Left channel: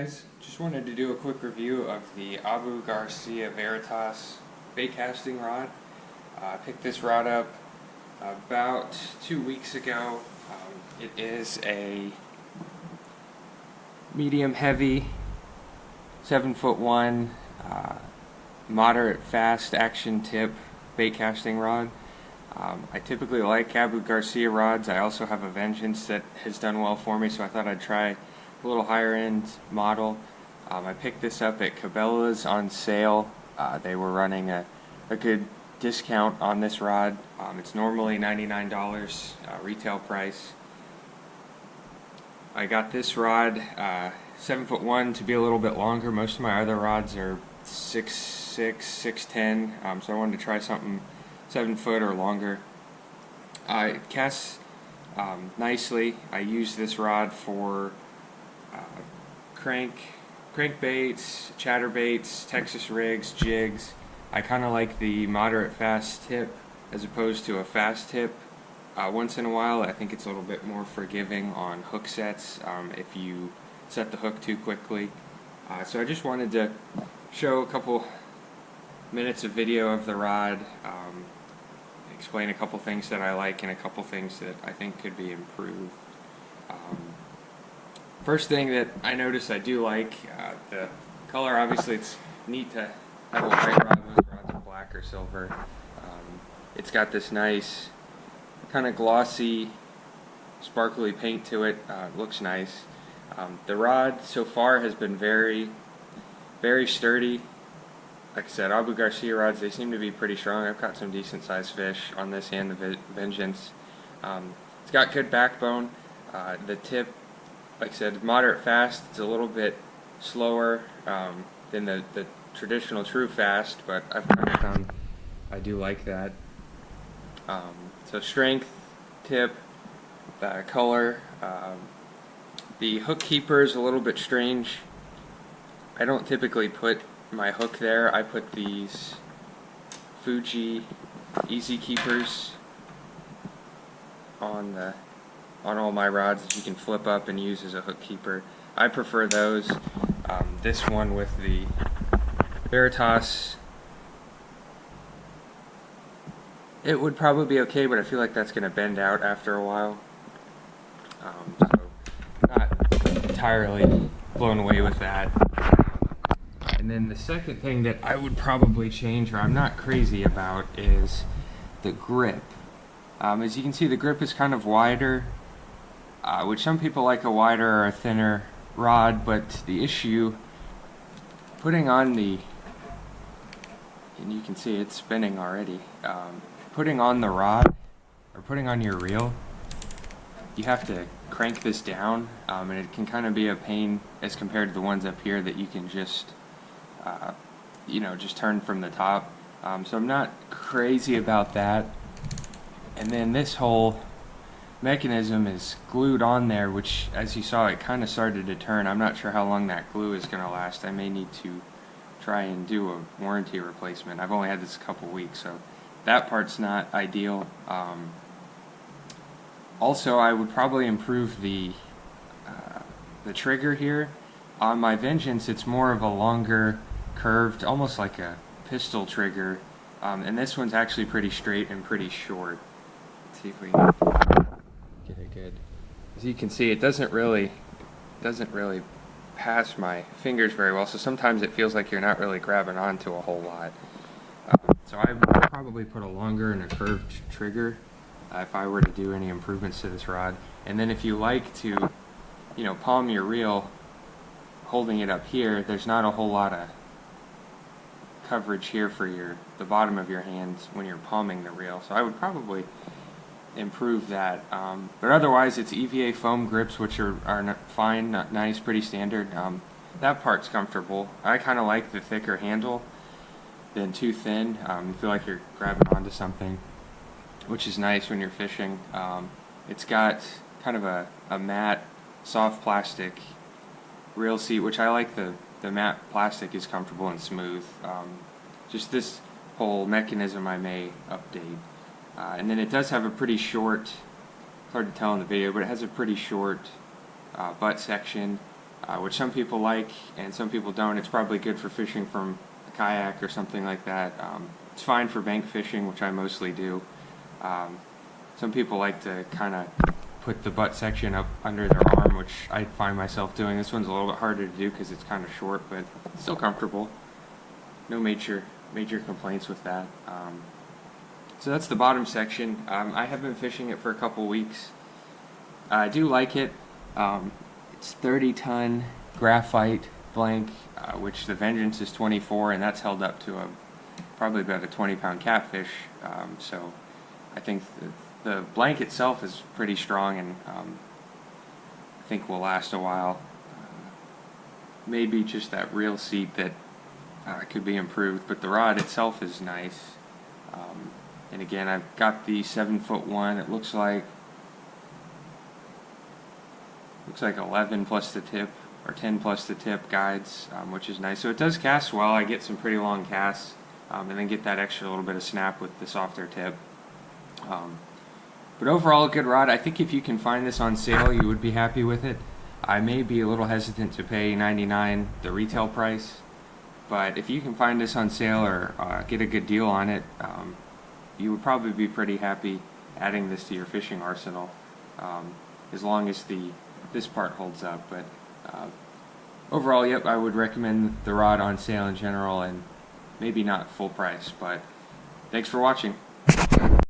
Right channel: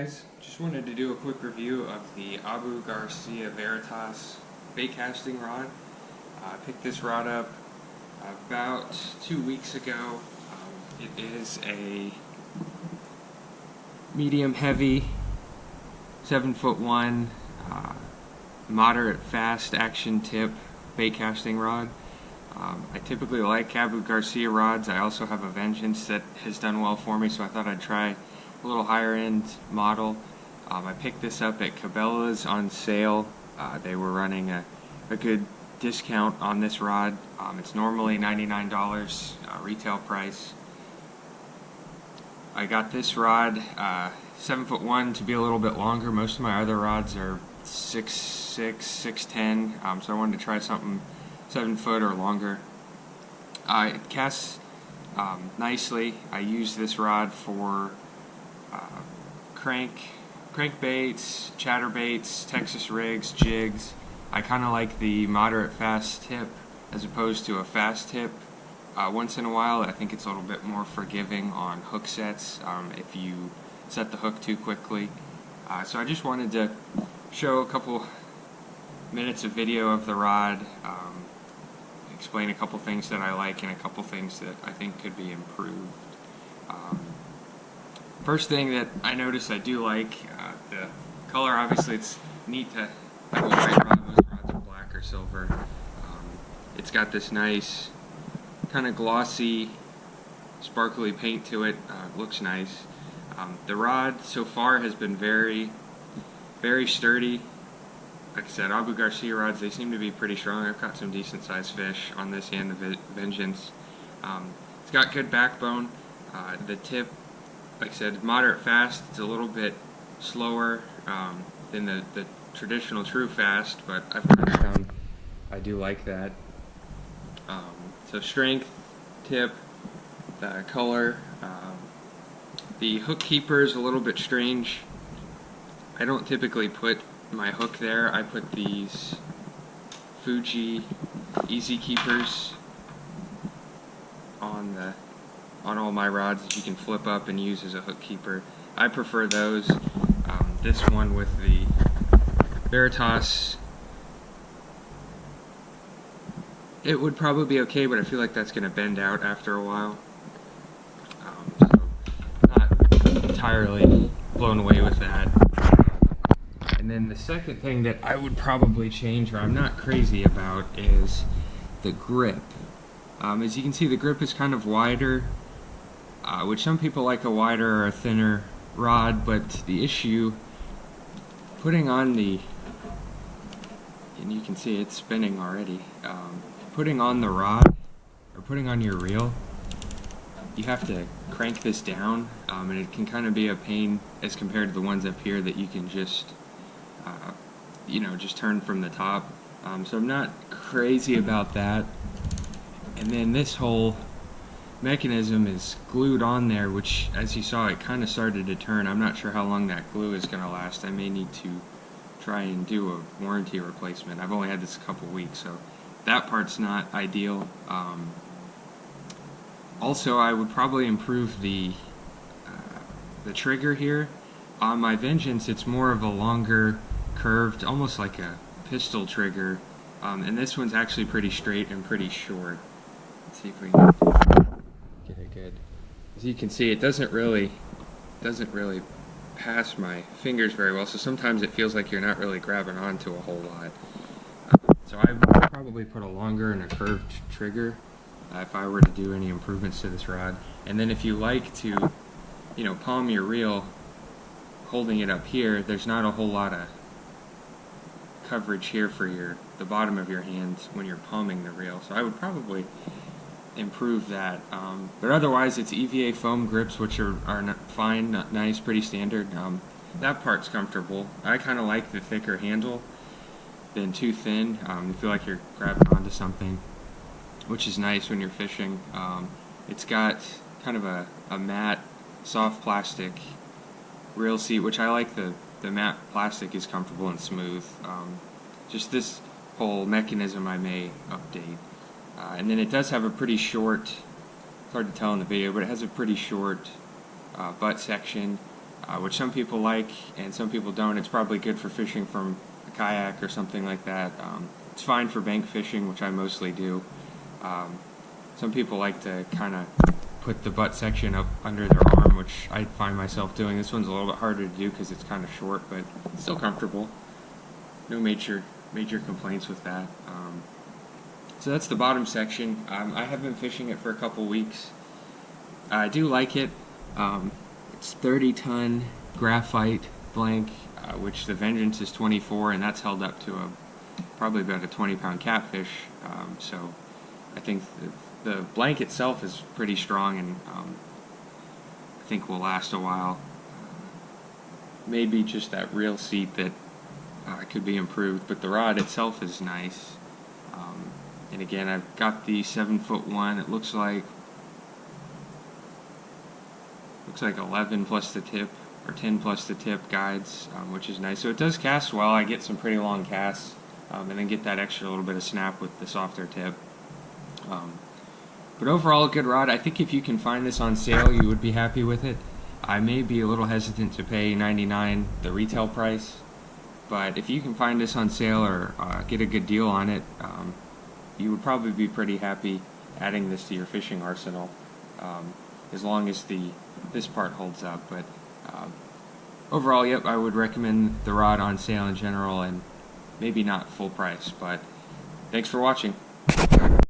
guys, just wanted to do a quick review of the Abu Garcia Veritas bait casting rod. I picked this rod up about 2 weeks ago. It is a medium heavy 7'1" moderate fast action tip bait casting rod. I typically like Abu Garcia rods. I also have a Vengeance that has done well for me, so I thought I'd try a little higher end model. I picked this up at Cabelas on sale. They were running a good discount on this rod. It's normally $99 retail price. I got this rod 7'1" to be a little bit longer. Most of my other rods are 6'6", 6'10", so I wanted to try something 7 foot or longer. It casts nicely. I use this rod for crankbaits, chatterbaits, Texas rigs, jigs. I kind of like the moderate fast tip as opposed to a fast tip. Once in a while, I think it's a little bit more forgiving on hook sets if you set the hook too quickly. So I just wanted to show a couple minutes of video of the rod, explain a couple things that I like and a couple things that I think could be improved. First thing that I noticed I do like, the color. Obviously it's neat to have a white rod. Most rods are black or silver. It's got this nice kind of glossy, sparkly paint to it. It looks nice. The rod so far has been very, very sturdy. Like I said, Abu Garcia rods, they seem to be pretty strong. I've caught some decent sized fish on this and the Vengeance. It's got good backbone. The tip, like I said, moderate fast. It's a little bit slower than the traditional true fast, but I've kind of found I do like that. So strength, tip, color. The hook keeper is a little bit strange. I don't typically put my hook there. I put these Fuji easy keepers on all my rods that you can flip up and use as a hook keeper. I prefer those. This one with the Veritas, it would probably be okay, but I feel like that's going to bend out after a while. So not entirely blown away with that. And then the second thing that I would probably change, or I'm not crazy about, is the grip. As you can see, the grip is kind of wider, which some people like a wider or a thinner rod, but the issue, putting on the, and you can see it's spinning already, putting on the rod, or putting on your reel, you have to crank this down, and it can kind of be a pain as compared to the ones up here that you can just just turn from the top. So I'm not crazy about that. And then this whole mechanism is glued on there, which, as you saw, it kind of started to turn. I'm not sure how long that glue is going to last. I may need to try and do a warranty replacement. I've only had this a couple weeks, so that part's not ideal. Also, I would probably improve the trigger here. On my Vengeance, it's more of a longer, curved, almost like a pistol trigger, and this one's actually pretty straight and pretty short. Let's see if we can get it good. As you can see, it doesn't really pass my fingers very well, so sometimes it feels like you're not really grabbing onto a whole lot. So I would probably put a longer and a curved trigger if I were to do any improvements to this rod. And then if you like to, palm your reel, holding it up here, there's not a whole lot of coverage here for the bottom of your hand when you're palming the reel. So I would probably improve that. But otherwise, it's EVA foam grips, which are fine, nice, pretty standard. That part's comfortable. I kind of like the thicker handle than too thin. You feel like you're grabbing onto something, which is nice when you're fishing. It's got kind of a matte, soft plastic reel seat, which I like. The matte plastic is comfortable and smooth. Just this whole mechanism I may update. And then it does have a pretty short, it's hard to tell in the video, but it has a pretty short butt section. which some people like and some people don't. It's probably good for fishing from a kayak or something like that. It's fine for bank fishing, which I mostly do. Some people like to kind of put the butt section up under their arm, which I find myself doing. This one's a little bit harder to do because it's kind of short, but still comfortable. No major complaints with that. So that's the bottom section. I have been fishing it for a couple weeks. I do like it. It's 30-ton graphite blank, which the Vengeance is 24, and that's held up to probably about a 20-pound catfish. So I think the blank itself is pretty strong, and I think will last a while. Maybe just that reel seat that could be improved, but the rod itself is nice. And again, I've got the 7-foot one. It looks like 11 plus the tip, or 10 plus the tip guides, which is nice. So it does cast well. I get some pretty long casts, and then get that extra little bit of snap with the softer tip. But overall, a good rod. I think if you can find this on sale, you would be happy with it. I may be a little hesitant to pay $99 the retail price, but if you can find this on sale or get a good deal on it, you would probably be pretty happy adding this to your fishing arsenal, as long as this part holds up. But overall, yep, I would recommend the rod on sale in general, and maybe not full price. But thanks for watching.